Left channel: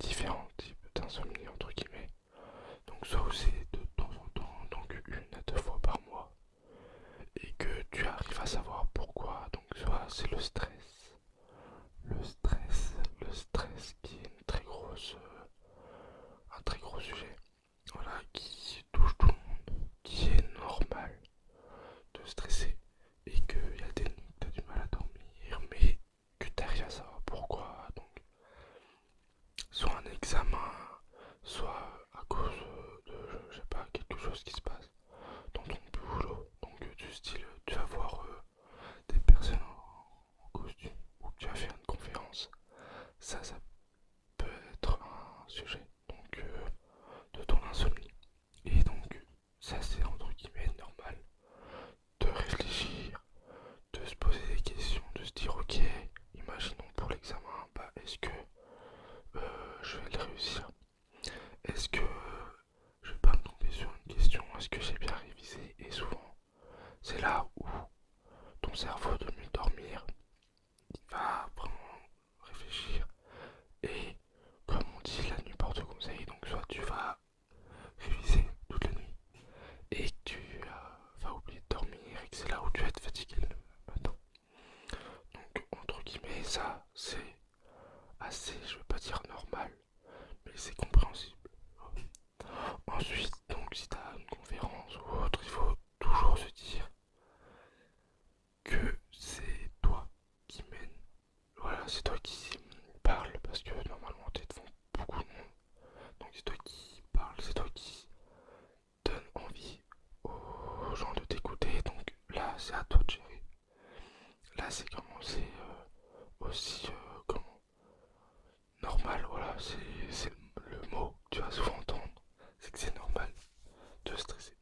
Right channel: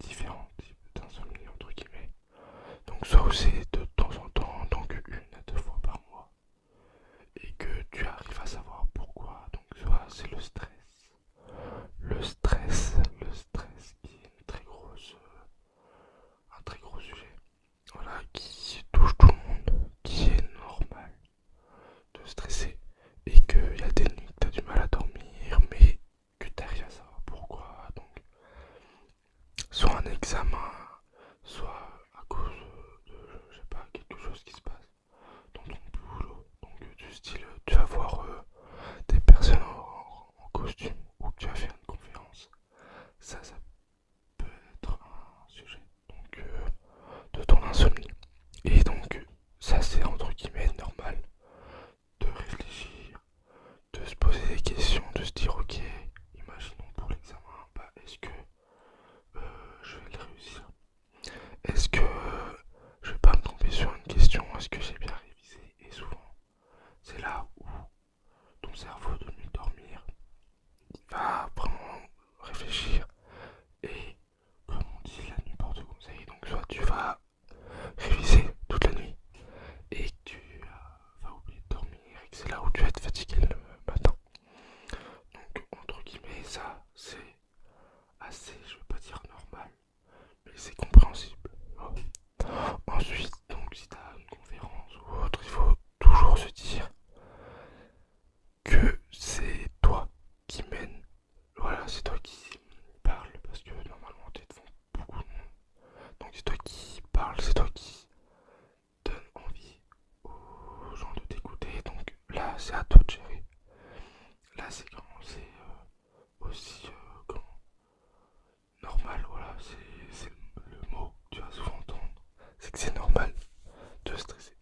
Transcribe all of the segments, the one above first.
différents types d'insomnie entre guillemets. Donc soit c'est de temps en temps, donc 1 à 2 fois par mois, et que tu arrives à savoir pourquoi. Donc soit c'est le stress qui est un très gros sujet, voilà, qui touche tout le monde, qui est normal de stresser, et qu'il y a des nuits que tu as du mal à dormir, mais que tu arrives à savoir pourquoi. Donc soit un examen, soit à cause de, je sais pas, quelque chose qui se passe dans ton boulot. Donc du style, tu vas voir des personnes en costume ou que tu vas faire une conférence. Ça peut être un sujet donc de ton insomnie. Et donc ça c'est entre guillemets normal de réfléchir, de se poser des questions, de se dire ok, imaginons pour l'examen, bah est-ce que je vais le réussir? Est-ce que je vais pas me tromper sur une question? Est-ce que j'ai bien révisé? Et souvent, c'est là où ton cerveau de mieux dormir, il va vraiment réfléchir. Et comme on dit, la nuit porte conseil. Donc soit tu vas réviser toute la nuit et que tu vas oublier de dormir et que c'est là où tu vas être fatigué le matin. Donc entre guillemets, ça c'est assez, je veux pas dire normal, mais c'est compréhensible. Ensuite, donc si tu as une conférence ou autre, il faut toujours se dire que c'est toi qui mène. Voilà, c'est toi qui parle parce que normalement tu es devant beaucoup de monde. Donc c'est toi qui parle, c'est toi qui donne envie aux gens de t'écouter. Donc là, c'est à toi de gérer. Là, c'est comment c'est aussi comment normal. Voilà, c'est le mot que tu vas souvent entendre. C'est que c'est normal de stresser.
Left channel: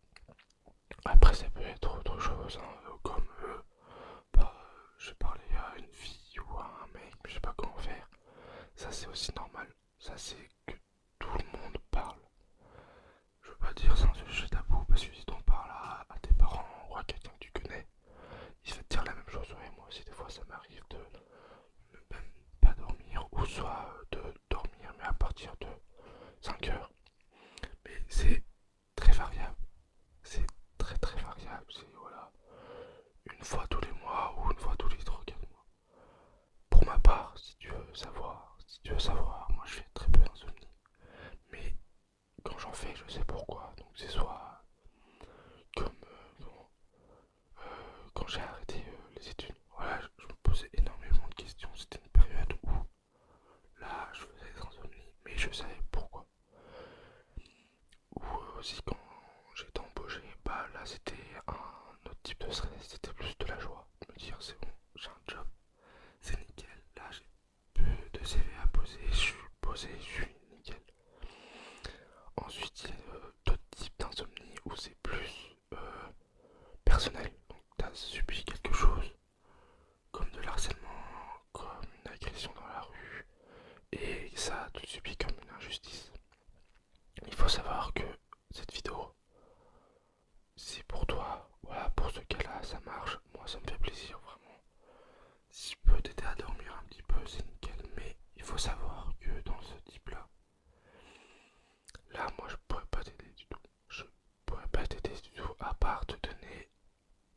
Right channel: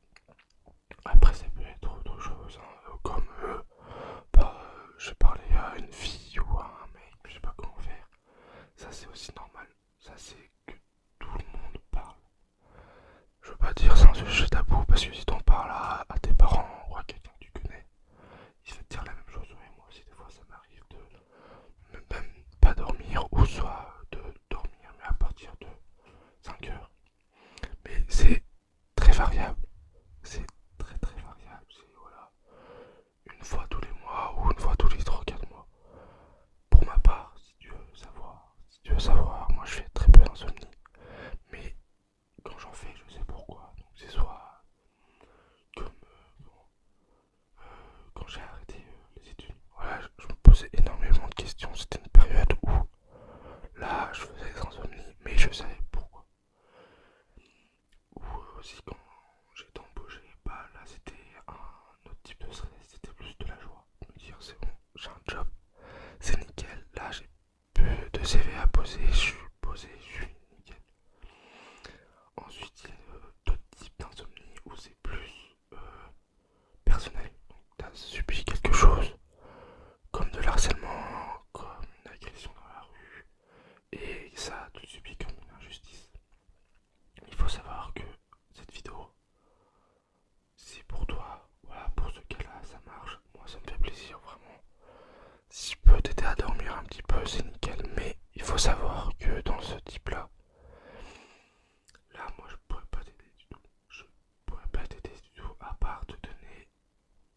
Après, ça peut être autre chose, hein, comme bah, je parlais à une fille ou à un mec, mais je sais pas comment faire. Ça, c'est aussi normal. Ça, c'est que tout le monde parle. Je veux pas dire c'est un sujet tabou parce que si t'en parles à tes parents ou à quelqu'un que tu connais, il va te dire la même chose. Ouais, moi aussi, des fois, ça m'arrive de même pas dormir ou soit de dormir, mais à partir de 5 heures. Mais c'est très variable. C'est très très variable. C'est voilà, une fois tous les mois ou une fois tous les 3 4 mois. Pour ma part, si tu veux savoir, moi je fais très peu d'insomnie. Mais quand j'en fais, je sais pourquoi. Donc c'est soit comme quand j'ai arrêté les études. Voilà, je me posais énormément de questions. C'était une période où là, je faisais des insomnies, mais je savais pourquoi. Ou aussi quand j'étais embauché, bah là c'était un autre type de stress, c'était plus de la joie. De me dire c'est bon, j'ai un job, c'est nickel. Là j'ai peu de CV à poser, je suis posé, je suis nickel. Ensuite il y a d'autres types d'insomnie où c'est plus personnel. Donc t'as subi quelque chose comme de l'harcèlement, comme une agression dans la rue, et ça tu le subis comme une injustice. Il faut savoir que cette vidéo, c'est pour toi. Voilà, pour ce cas-là, ça marche. Moi, ça me fait plaisir, vraiment. Si je peux t'aider à dormir un petit peu, c'est nickel. Mais il faut savoir que dans ce type-là, là, moi, je pourrais pas t'aider du tout. Je pourrais pas t'aider du tout, à part te donner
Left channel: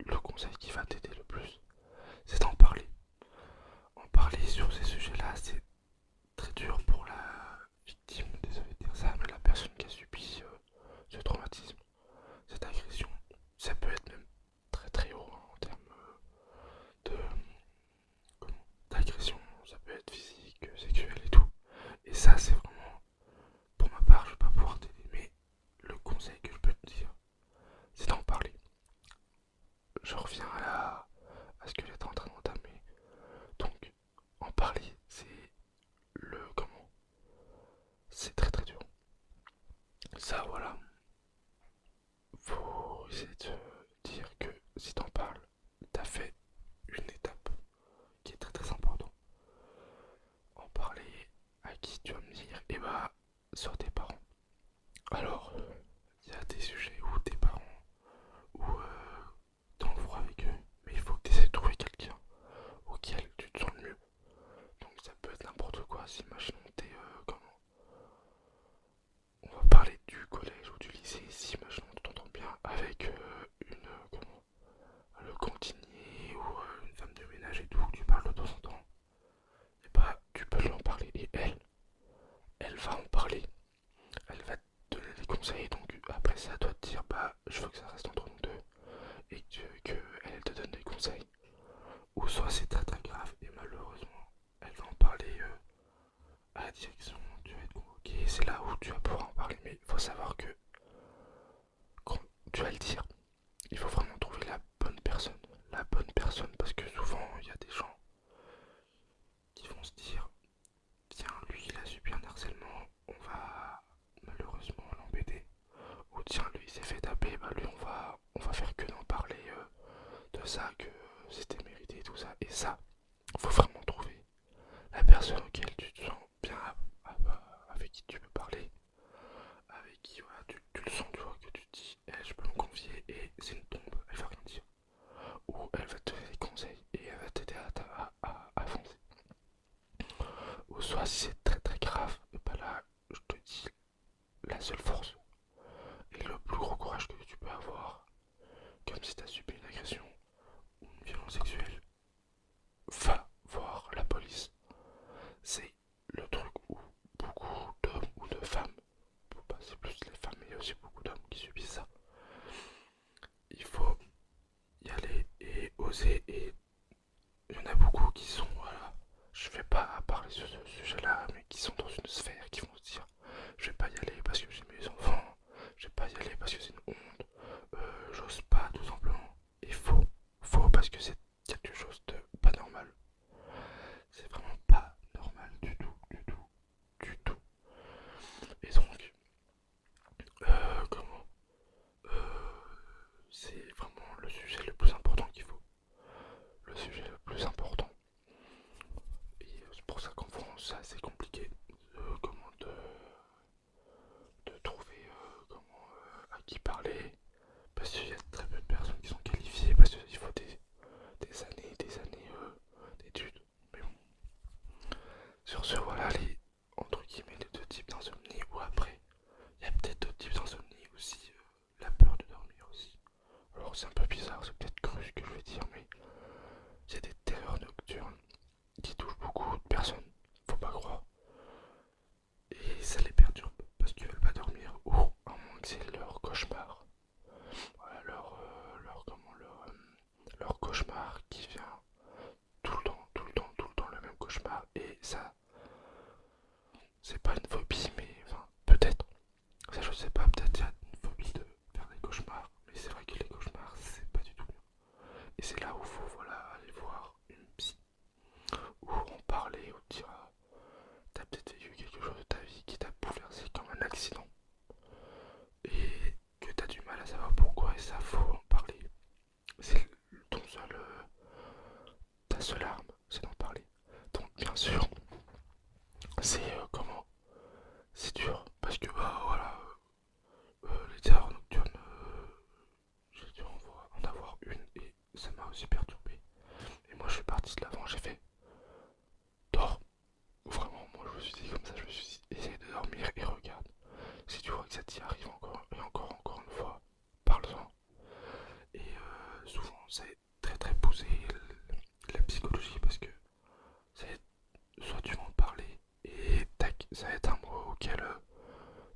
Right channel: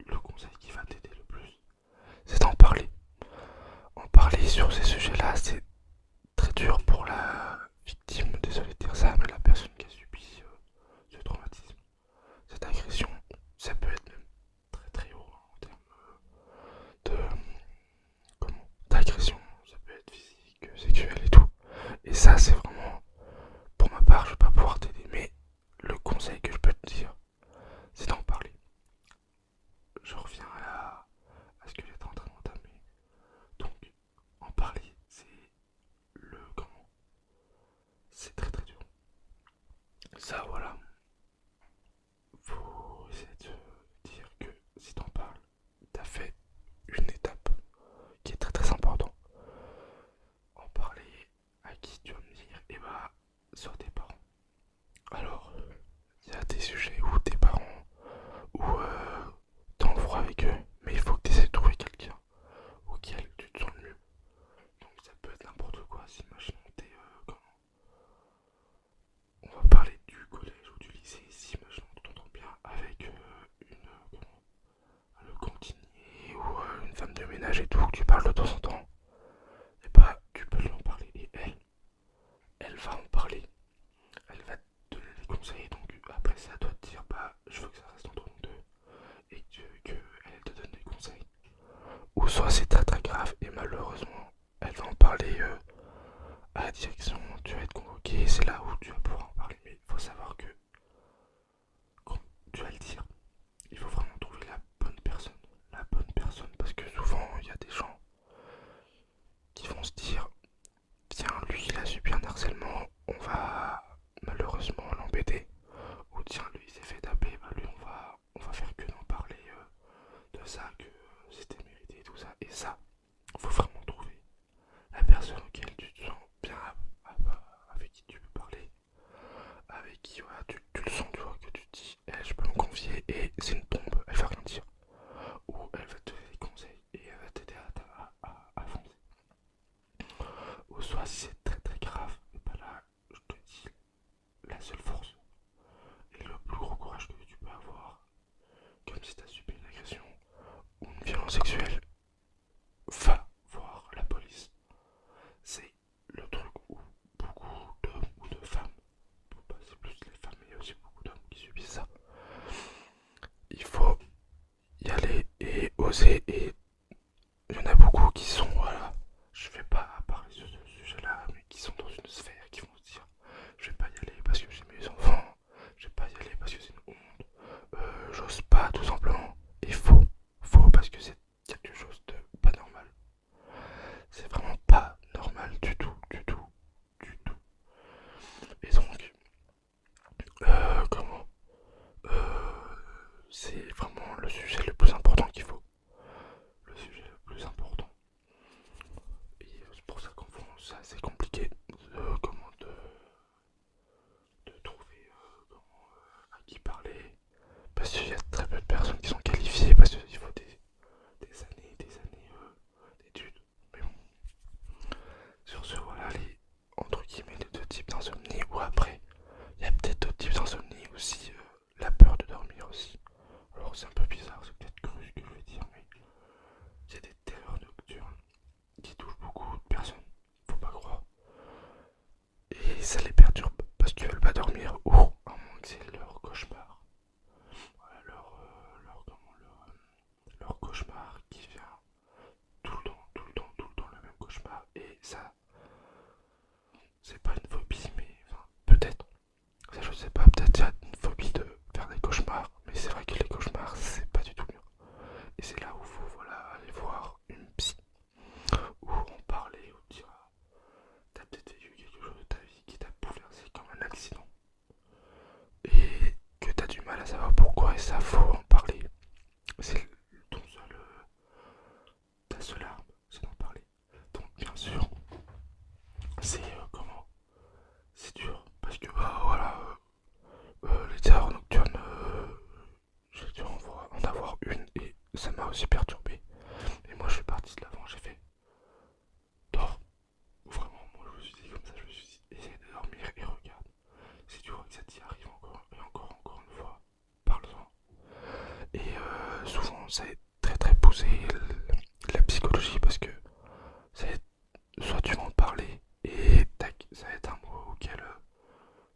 le conseil qui va t'aider le plus. C'est d'en parler. En parler sur ces sujets-là, c'est très dur pour la victime. Désolé de dire ça, mais la personne qui a subi ce traumatisme, cette agression, ça peut être même très très haut hein, en termes de comment d'agression, ça peut être physique, sexuel et tout. Et ça c'est vraiment, pour ma part, je vais pas pouvoir t'aider, mais le conseil que je peux te dire, c'est d'en parler. Je reviens à ce que j'étais en train d'entamer. Donc, en parler, c'est le comment, c'est très très dur. Ça voilà, faut essayer de dire que si t'en parles, t'as fait une étape qui est très très importante. En parler à qui tu vas me dire, et bah, sur tes parents. Alors, il y a des sujets où tes parents, où t'es en froid avec eux, mais il faut que tu essaies de trouver quelqu'un auquel tu te sens le mieux. Donc ça peut être n'importe quoi, si imaginons t'es comment à la direction, tu vas être convoqué, c'est là où tu vas pouvoir en parler. Mais il faut savoir que quand tu vas le dire, il faut vraiment trouver la bonne personne. La bonne personne, parce que souvent il y a des gens qui vont se dire tiens, lui il a subi un harcèlement, on va malheureusement l'embêter. Ou tiens, lui il s'est fait taper, bah lui on va faire que d'en parler de ça, que c'était mérité et tout ça. Et ça, faut vraiment trouver la personne auquel tu te sens bien, avec qui tu peux parler, avec qui voilà, tu le sens, tu vois, que tu te dis, eh, je peux me confier et c'est une tombe, elle va rien dire. Ou elle va te donner des conseils et elle va t'aider à avancer. Ou soit si c'est très très grave, et bah là, je te dis, la seule force et le plus gros courage que tu peux avoir, comme si tu as subi une agression ou une violence sexuelle, va voir la police. C'est le truc où beaucoup d'hommes ou de femmes, bah, c'est plus les femmes, mais il y a aussi beaucoup d'hommes qui subissent ça. Il faut y aller et oser, et il y en a beaucoup qui sont, voilà, je vais pas parler sur ce sujet-là, mais qui sont dans une sphère qui vont se dire, je vais pas y aller parce que j'ai mes enfants, je vais pas y aller parce que c'est une honte, j'ose pas tout simplement. Et faux parce que c'est quelque chose de pas normal. C'est vraiment pas normal du tout, du tout, du tout. Et donc, comment c'est vraiment le sujet le plus important qu'il faut. Le sujet le plus important. Et c'est pour ça qu'en France, c'est assez compliqué de trouver à qui parler. Parce qu'il y a très peu de personnes qui sont qualifiées, parce qu'il faut des années d'études. Mais bon, sur ce, voilà les, entre guillemets, les deux types d'insomnie. Ou après, il y a peut-être d'autres types d'insomnie aussi, la peur de dormir aussi. Alors c'est un peu bizarre, c'est peut-être cru ce que je vais dire, mais c'est des terreurs nocturnes qui touchent beaucoup de personnes, faut pas croire. Et ça les perturbe parce qu'ils veulent pas dormir, ou à moins que c'est leur cauchemar. Voilà, leur cauchemar qui vient tout le temps, tout le temps, tout le temps le même cauchemar. Et ça, c'est pas une phobie, mais enfin, peut-être. Ça, je sais pas, peut-être il y a une phobie de faire des cauchemars, mais c'est vrai que les cauchemars, c'est pas du tout bien. Et c'est là où il faut voilà, aller voir une psy, ou en parler, ou dire t'as peut-être vécu quelque chose de ta vie qui t'a bouleversé comme un accident, et que t'as du mal à savoir pourquoi, et ça, faut en parler. C'est ton seul, ta seule arme, c'est d'en parler. Donc, bien sûr, c'est comment c'est dur, parce que bah voilà, les terreurs nocturnes, j'ai dû en avoir une, et ça m'a aussi perturbé. Et moi, je suis parti de l'avant, j'ai fait dors. Vraiment, moi je me suis dit comme ça, je me suis dit, essaye de dormir et regarde. Si tu vois que ça t'y arrive encore et encore, encore une fois, parle-en. Et souvent, ça est très très poussé la psychologie, parce que ça va être, soit tu vas en parler et tac, ça va être un mot auquel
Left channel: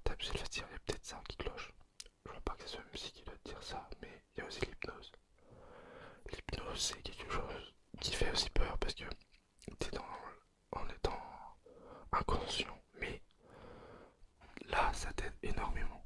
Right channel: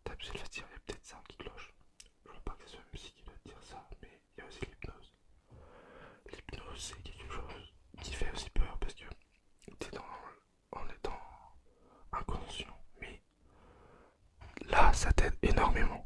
ta psy va se dire, il y a peut-être ça qui cloche. Je vois pas que c'est une psy qui doit te dire ça, mais il y a aussi l'hypnose. L'hypnose, c'est quelque chose qui fait aussi peur parce que t'es en étant inconscient, mais là, ça t'aide énormément.